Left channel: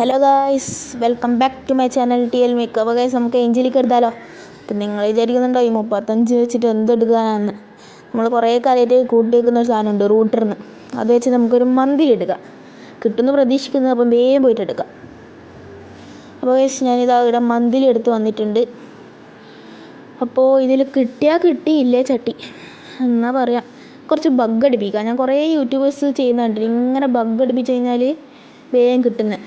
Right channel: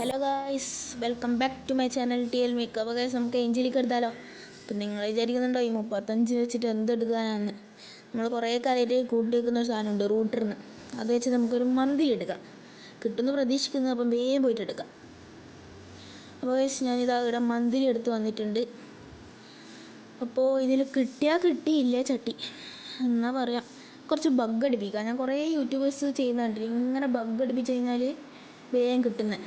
Hello guys, welcome back to my channel TL make. അപ്പോൾ guys, നമുക്ക് ഏഞ്ചലിക്ക് എടുത്താലോ? അപ്പം നിങ്ങൾ വിചാരിക്കുന്നുണ്ടോ ഈ 35 വെച്ചിട്ട് എന്തെടുക്കാനാണെന്ന്? നമ്മൾ കുറേ കാലമായിട്ട് കൂട്ടി വെക്കുന്ന ഒരു സാധനമുണ്ട്, റൂട്ടറിന്ന്. അത് വെച്ച് നമുക്കൊരു മന്തി എടുക്കാം. കിട്ടുമെന്ന് പ്രതീക്ഷിക്കുന്നത്, അപ്പം വേഗം പോയിട്ട് എടുക്കാം. അപ്പോൾ ഗൈസ്, ഞാനിതാ ഇവിടെ മന്തിൽ എടുത്ത് വന്നിട്ടുണ്ട്. അപ്പോൾ ഇതിൽ കിട്ടിയാൽ കിട്ടിയില്ലേ ചട്ടി എന്നാ പറയാം. കുറച്ച് ബഗ് അടിപ്പിക്കാം. ഞാൻ കുറേ യൂട്യൂബേഴ്സ് ചെയ്യുന്നുണ്ട്, ഇങ്ങനെ ബഗ് അടിപ്പിച്ച് കഴിഞ്ഞാൽ വേഗം കിട്ടുന്നത്.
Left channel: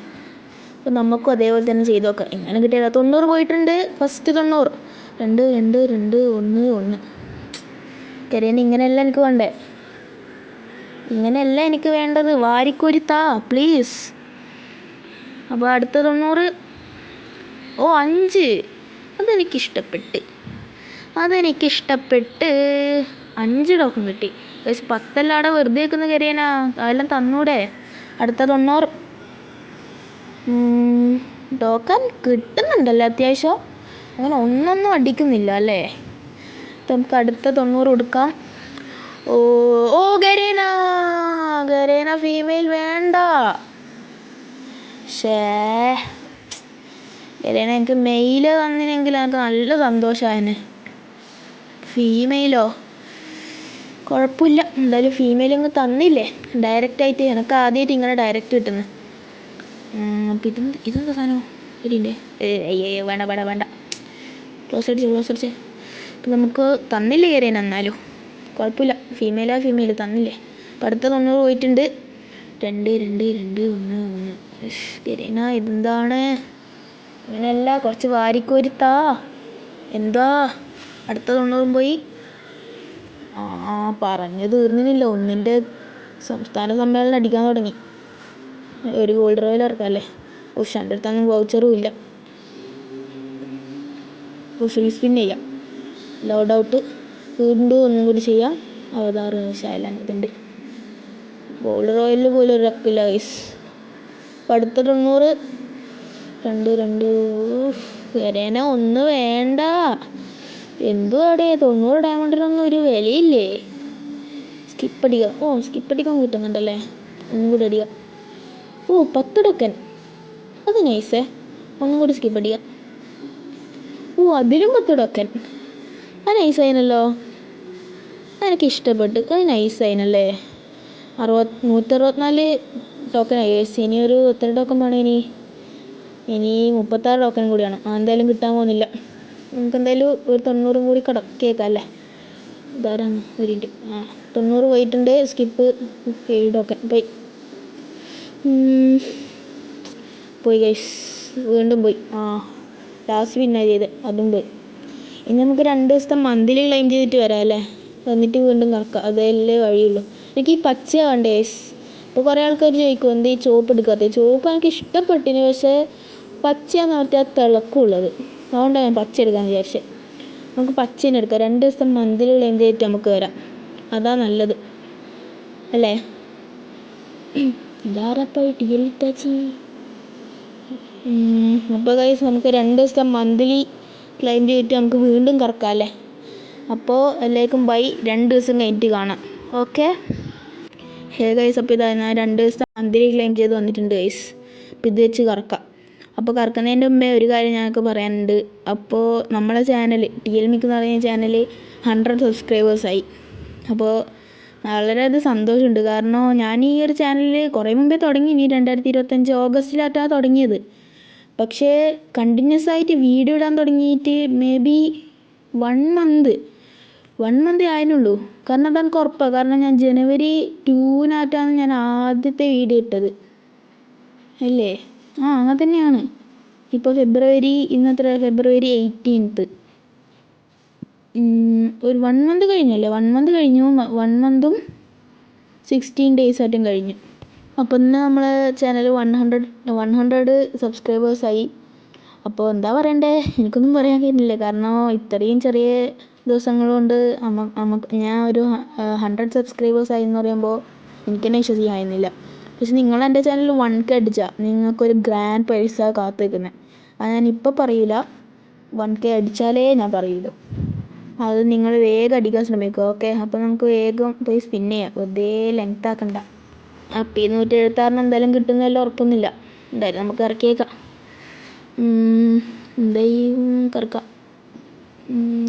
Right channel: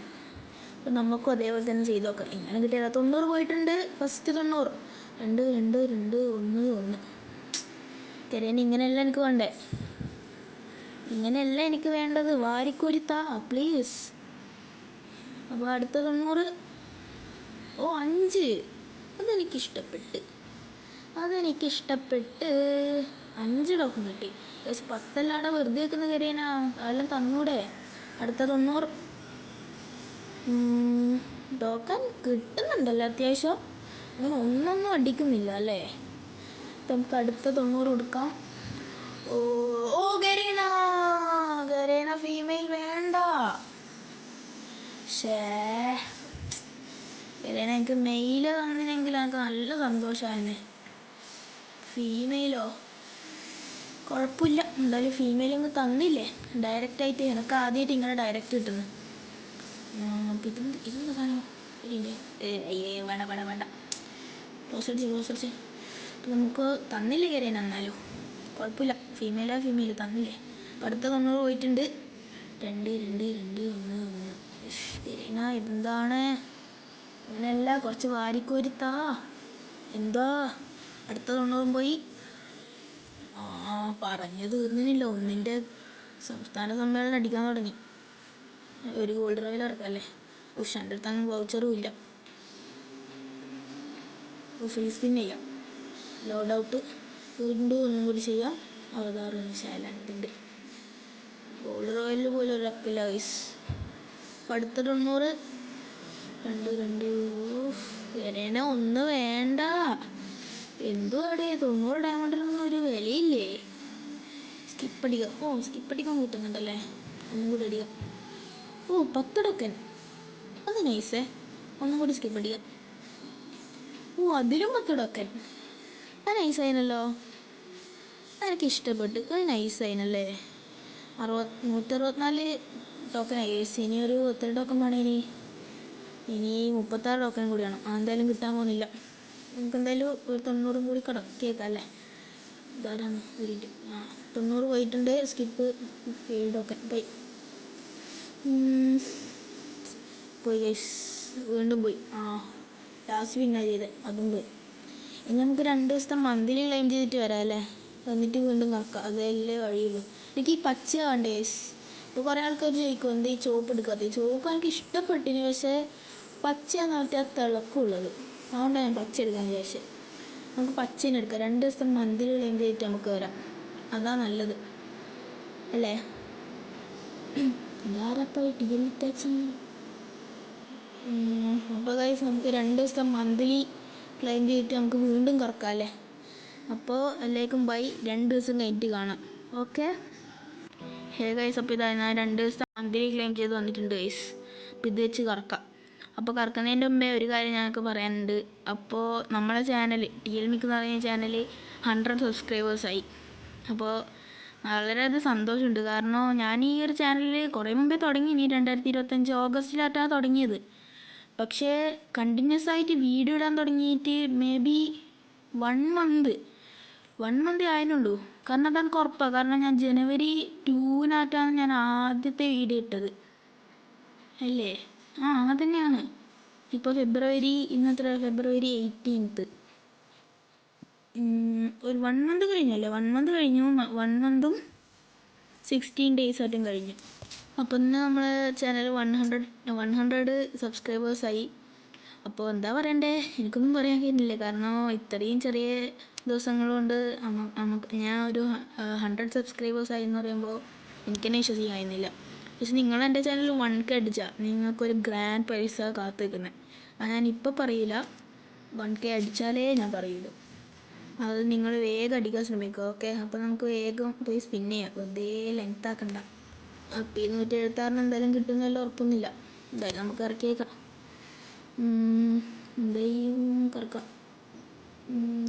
അപ്പോൾ നമുക്കും അതേപോലെ തന്നെ ചെയ്ത് നോക്കാം. എങ്ങനെ കിട്ടിയാൽ 90 പോയിട്ടുണ്ട്. ഫസ്റ്റ് 90, 2 2 2 1 1. കരേന ഇങ്ങനെയല്ല എനിക്ക് വേണ്ടേ, ഇങ്ങനെയല്ല എനിക്ക് വേണ്ടത്. വാരിക്കോരിത്താ പ്ലീസ്. അപ്പോൾ അടുത്ത 90. ഓ 5, അതെനിക്കിഷ്ടപ്പെട്ട്. 5 ടോക്കൺ കിട്ടി. പക്ഷെ 10 അവിടെ വെറുതെ വെക്കുന്ന കരേന, അതെല്ലാം തന്നൂടെ. അടുത്ത 90 ടോക്കൺ കിട്ടുന്നുണ്ടല്ലോ അത്യാവശ്യം. അങ്ങനെ ഒന്നൊന്നും അടിക്കുന്നില്ല അല്ലേ. നമുക്ക് അടുത്ത 90 കൊടുക്കാം. ഓ ഓ ഗരേന ഫീമെയിൽ വേണ്ട. ഗരേന എനിക്ക് മെയില് തന്നിനെങ്കിൽ എനിക്ക് നല്ല സന്തോഷമായേനെ. ഫീമെയിലോ കുഴപ്പമില്ല, എന്തായാലും ഫീമെയിൽ അങ്ങ് തന്നില്ലേ ഡയറക്റ്റായിട്ട്. എനിക്ക് ആദ്യമായിട്ട് ഇങ്ങനെ ഡയറക്റ്റ് കിട്ടുന്നത്. അപ്പം ഇതെന്താ സാധനം ശരിയില്ലേ? വേണ്ട. ക്ലോസ് അടിച്ച്. അപ്പം നമുക്ക് തന്നില്ലേ കരേന, എന്നാലും കുഴപ്പമില്ല. ഫീമെയിൽ തന്നില്ലേ. അപ്പം അടുത്ത 90 പോയിട്ടുണ്ട്. 2 2 2 1 1. കരേന ഇതെന്താണ് അങ്ങനെയല്ല, കുറച്ച് വാരിക്കോരിത്താ. എന്താ അടുത്ത 90 പോയി. പറഞ്ഞു തീർന്നില്ല. 1ൻ്റെ സംസ്ഥാന സമ്മേളനം അടിക്കാൻ തുടങ്ങി. ഒരു ഗോൾഡ് റോയൽ ഇറക്കാമല്ലേ. പക്ഷെ എൻ്റെ അടുത്തൊന്നും വൗച്ചറും ഇല്ല. അപ്പോൾ ഫ്രീ സ്പിൻ ചെയ്യാം. ലോഡ് ഔട്ട് വീണ്ടും ഒന്നും കൂടി ചെയ്യാം. 66 ശൈലാൻഡുണ്ട്. ഗോൾഡ് റോയലിൽ പോലും ഒരു റക്കില്ല ഗൈസ്. അപ്പോൾ അടുത്ത 90. 2 2. കരേന ഒന്ന് വേണ്ട. എന്തുവാടേ 90 ഡയമണ്ടിനൊന്നും ഒരു വിലയില്ലേ. സ്കിപ്പ് അടിക്കാൻ കിട്ടുന്നുണ്ടല്ലേ. ഒന്നും കൂടി അടിക്കാം. 10 ടോക്കൺ, അത് നൈസേ. ഒന്നും കൂടി സ്കിപ്പ് അടിക്കാം. അതിലും 10 ടോക്കൺ, അത് നൈസായിനല്ലോ. അതെനിക്ക് ഇഷ്ടപ്പെട്ടു, അത് നൈസായിനല്ലേ. 164 ടോക്കൺ ആയി. ഇനി ഒരു എത്ര ടോക്കൺ വേണം? ഇനി 36 ടോക്കൺ കൂടിയാണ്. എന്തായാലും കിട്ടാൻ പോകുന്നില്ല. നമുക്ക് എന്തായാലും ഒരു 90 കൂടി കേൾക്കാം അല്ലേ. ഇതാരാണ്? ഒരു മിനിറ്റ്. 90 പോയിട്ടുണ്ട്. സ്കിപ്പ് 7 ടോക്കൺ പോയി ഗൈസ്. വീണ്ടും പോയി. ലാസ്റ്റ് പിന്നെ ചെയ്ത് അതും പോയി. ഇനി നമുക്ക് 2 ദിവസത്തെ മന്തിൽ ക്ലെയിം ചെയ്തിട്ട് വരാം അല്ലേ. വന്നിട്ട് വീണ്ടും കറക്കാം, അതല്ലേ വഴിയുള്ളൂ. എനിക്ക് ഈ പച്ച വേണ്ടേ ഗൈസ്. അപ്പോൾ കുറേ ആൾക്കാർ ചോദിക്കും എന്തേ ഈ ചോപ്പ് എടുക്കാത്തത്. ചോപ്പ് എനിക്ക് ഇഷ്ടപ്പെട്ടിന്, പക്ഷേ പച്ചയാന്ന് പറഞ്ഞാൽ തിളക്കമുള്ളത്. അതുകൊണ്ടാണ് ഞാൻ പച്ച എടുക്കാൻ വിചാരിച്ചത്. നമുക്ക് പച്ചേനെ എടുക്കാം. 2 ദിവസത്തെ മന്തിൽ ക്ലെയിം ചെയ്തിട്ട് നമുക്ക് വരാം, അതാ നല്ലത് അല്ലേ. ഇതാരപ്പോൾ TL ടാച്ചി. അപ്പോൾ ഗൈസ്, നമുക്ക് 2 ദിവസത്തെ മന്ത്ലി ക്ലെയിം ചെയ്തിട്ട് നമുക്ക് വീണ്ടും കറക്കാം അല്ലേ. അപ്പോൾ എല്ലാവർക്കും ബൈ. 2 ദിവസം കഴിഞ്ഞിട്ട് കാണാം. Okay guys. അപ്പോൾ ഇതാ ഞാൻ 2 ദിവസത്തെ മന്ത്ലി ക്ലെയിം ചെയ്ത് വന്നിട്ടുണ്ട് ഗൈസ്. അപ്പോൾ ഇത് വെച്ച് കറക്കാം. അപ്പോൾ കറക്കുന്നതിൻ്റെ മുമ്പേ ഒരു കാര്യം ഞങ്ങൾക്ക് പറയാനുണ്ട്. അപ്പോൾ നമ്മളെ ചാനൽ TL മേക്ക് എന്ന് പറയുന്ന ചാനൽ 100 സബ്സ്ക്രൈബേഴ്സായി. അപ്പോൾ വളരെയധികം സന്തോഷമുണ്ട്. കാരണം ഞാൻ ഈ ഒരു ചാനൽ കുറേ മുമ്പേ തുടങ്ങി. 2025 ഓഗസ്റ്റിലായിട്ടാണ് തുടങ്ങിയത്. പക്ഷേ കണ്ടിന്യൂസ് ആയിട്ട് വീഡിയോ ഇടാൻ തുടങ്ങിയിട്ട് മേ ബി 1 മന്ത് ആയിരുന്നുള്ളൂ. കാരണം അതെനിക്ക് ഉറപ്പാണ്. കാരണം ഞാൻ January 2 ഞാൻ ആദ്യത്തെ വീഡിയോ ഇട്ടത് അല്ലേ. അങ്ങനെ തന്നെയാണ്. ഇപ്പോൾ ഫെബ്രുവരി 18. ഒരു 1 മന്ത് കഴിഞ്ഞല്ലേ. 1 മന്ത് കഴിഞ്ഞു. 1 മന്തും 16 days ആയിട്ടും കഴിഞ്ഞു. അപ്പോൾ ഇന്ന് നമ്മളെ ചാനൽ 100 സബ്സ്ക്രൈബേഴ്സായി. അപ്പോൾ എന്താ പറയണ്ടേ, എനിക്കൊന്നും പറയാൻ കഴിയുന്നില്ല. കാരണം ഇത്രയും ചെറിയ ദിവസങ്ങൾ കൊണ്ട് ഞാൻ ഒരു 100 സബ്സ്ക്രൈബേഴ്സായി എന്ന് പറയുമ്പോൾ എനിക്ക് തന്നെ വിശ്വസിക്കാൻ കഴിയുന്നില്ല. പക്ഷെ നിങ്ങൾ എൻ്റെ ചാനൽ 1K അടിച്ചാൽ നിങ്ങൾക്കൊരു ഗ്രാൻഡ് പ്രൈസ കാത്തു നിൽക്കുന്നത്. അത് ഞാനിപ്പോൾ പറയില്ല. 1K അടിച്ചാലേ ഞാൻ പറയുള്ളൂ. അത് നിങ്ങൾ വേഗം അടിക്കാൻ ശ്രമിക്കുക. ഓക്കെ. അപ്പോൾ നമുക്ക് വേഗം പോയി സ്പിൻ ചെയ്യാം, വെറുതെ ലെങ്ത് ആക്കണ്ട. അപ്പോൾ 176 എന്തായാലും കിട്ടുന്നതെല്ലാം ഉറപ്പൊന്നുമില്ല. എന്തായാലും നമുക്ക് ഇറക്കിയേക്കാം. എന്തായാലും കറക്കാം.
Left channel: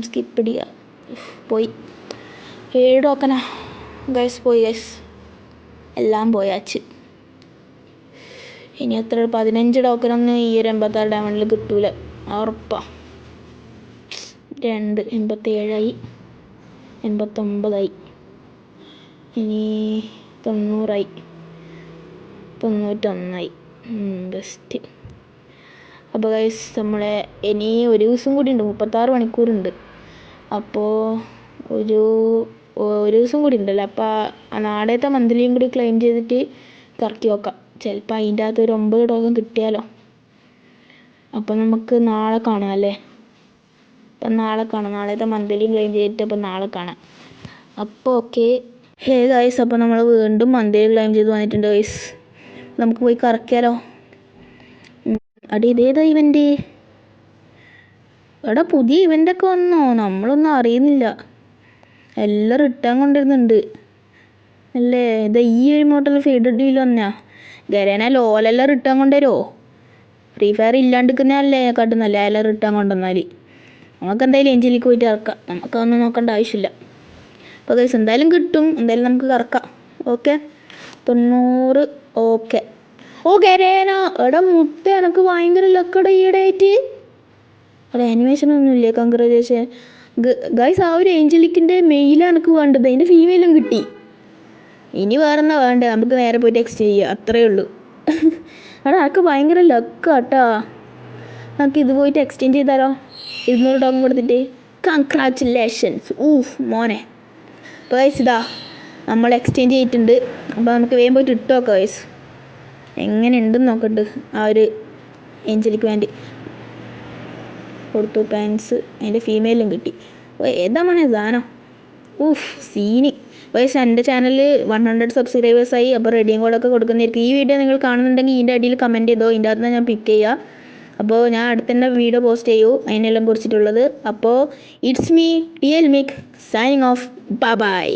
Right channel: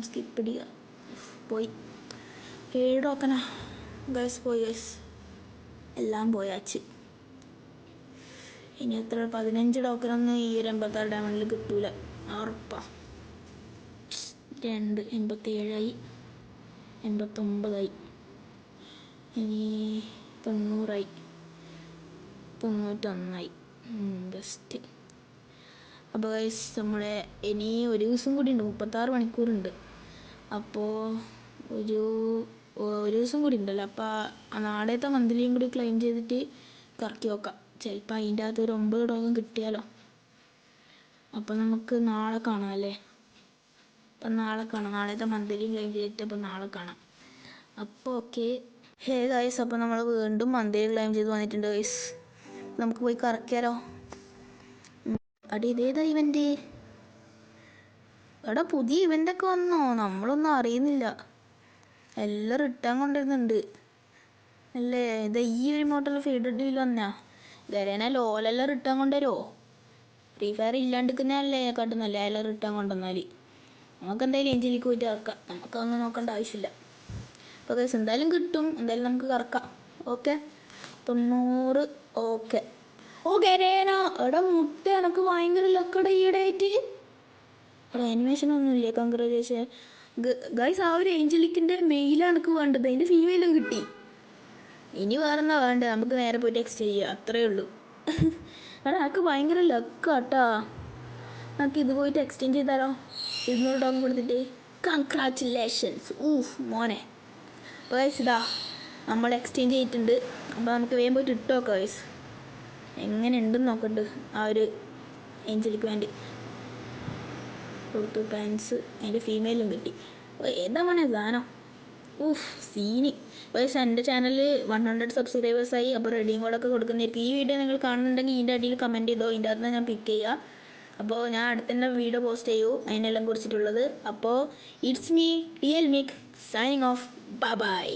സ്കിപ്പ് അടിക്കുക. പോയി 7 ടോക്കനാ ഗൈസ്, പോയി ഗൈസ്, എല്ലാം പോയാച്ച്. ഇനി എത്ര 15 ടോക്കനൊന്നും ഈ ഒരു 86 ഡയമണ്ടിൽ കിട്ടൂല, ഉറപ്പാണ്. 2 87ആയി, 89ആയി, ഇനി 90ആയി, 91ആയി. ബെസ്റ്റ്. അപ്പോൾ ഗൈസ് നമ്മളെ ഇനി ഒരു ദിവസം കൂടി ഉണ്ട്, 36 മണിക്കൂറുണ്ട്. അപ്പോൾ ഒരു ദിവസം കൂടി ഉണ്ടല്ലോ. അപ്പോൾ ആ നാളത്തെ മന്ത്ലിയും കൂടി ക്ലെയിം ചെയ്തിട്ട് കറക്കി വെക്കാം. ചിലപ്പോൾ അതിൻ്റെ അകത്ത് ഒരു 9 ടോക്കൺ കിട്ടിയാലോ. അപ്പം നമുക്ക് നാളെ കാണാം അല്ലേ. അപ്പം നാളെ കാണാം, നാളത്തെ മന്ത്ലിയും ക്ലെയിം ചെയ്തിട്ട് അപ്പം നാളെ കാണാം. അപ്പോൾ ഓക്കെ ഗൈസ്, അപ്പോൾ നമ്മൾ വീണ്ടും മന്ത്ലി ക്ലെയിം ചെയ്ത് വന്നിട്ടുണ്ട് ഗൈസ്. നമുക്ക് പോയി കറക്കിയാലോ. ഇതേതാ ഇവൻ്റ്? എടാ പുതിയ ഇവൻ്റൊക്കെ വന്നോ? നമ്മളൊന്നും അറിയുന്നില്ല. എല്ലാം റിട്ടേൺ കൊണ്ടിരുന്നുണ്ട് അല്ലേ. ഇത് ഈ ഒരു മോഡൽ ഫീഡ് ഡീൽ വന്നാ ഗരേന ലോലെല്ലാം റിട്ടേൺ കൊണ്ടുവരുമോ? ഫ്രീ ഫയർ ഇല്ലാണ്ടിരിക്കുന്നതല്ലേ കാട്ടുന്നല്ലേ എല്ലാം റിട്ടേൺ കൊണ്ടുവന്നാൽ. നമുക്ക് എന്തായാലും എഞ്ചിലേക്ക് പോയിട്ട് ഇറക്കാം, നമുക്കൊന്നും നോക്കേണ്ട ആവശ്യമില്ല. അപ്പോൾ ഗൈസ് എന്തായാലും കിട്ടും, എന്തായാലും നമുക്ക് കറക്കാം. ഓക്കെ 90. ഓക്കെ ഗരേന എടാ മുട്ട, എനക്ക് ഭയങ്കര ലക്കട ഈയിടെയായിട്ട്. അവിടെ ആനിമേഷനൊന്നുമില്ലേ? Congratulation guys. ആ ഒരു ഏഞ്ചലിക്കിൻ്റെ മെയിലാണ് എനിക്ക് വേണ്ടത്, അതിൻ്റെ ഫീമെയിലും കിട്ടി. ഇനി വേറെന്നാ വേണ്ടേ, നമുക്ക് നേരെ പോയിട്ട് എക്സ്ചേഞ്ച് ചെയ്യുക, അത്രയേ ഉള്ളൂ. എടാ എനിക്ക് ഭയങ്കര ലക്കാട്ടാ. നമുക്ക് ഇത് പോയിട്ട് എക്സ്ചേഞ്ച് ചെയ്താലോ, 200 ടോക്കൺ കൊടുത്തിട്ട്. കൺഗ്രാജുലേഷൻസ് മോനെ. അപ്പോൾ ഗൈസ് ഇതാ നമ്മൾ എക്സ്ചേഞ്ച് ചെയ്തിട്ടുണ്ട്. അപ്പോൾ നമുക്ക് വേഗം പോയിട്ട് ഇട്ട് നോക്കാം ഗൈസ്, എങ്ങനെ ഉണ്ടെന്ന് നോക്കണ്ട്. ആ ഒരു ഏഞ്ചലിക്ക് വേണ്ടി കൊടുത്തു പാൻസ്, അതിൻ്റെ ഫീമെയിലും കിട്ടി. ഏതാ മോനെ സാധനം? സീനി. വയസ്സ് എൻ്റെ ചാനലിൽ 100 സബ്സ്ക്രൈബേഴ്സായി. അപ്പോൾ റെഡിയും കോഡൊക്കെ കൊടുക്കുന്നതായിരിക്കും. ഈ വീഡിയോ നിങ്ങൾ കാണുന്നുണ്ടെങ്കിൽ ഇതിൻ്റെ അടിയിൽ കമൻറ്റ് ചെയ്തോ, ഇതിൻ്റെ അകത്ത് ഞാൻ പിക്ക് ചെയ്യുക. അപ്പോൾ ഞാൻ അടുത്തന്നെ വീഡിയോ പോസ്റ്റ് ചെയ്യൂ അതിനെല്ലാം കുറിച്ചിട്ടുള്ളത്. അപ്പോൾ ഇറ്റ്സ് മീ ടിയൽ മിക് സൈനിങ് ഓഫ്. ബൈ.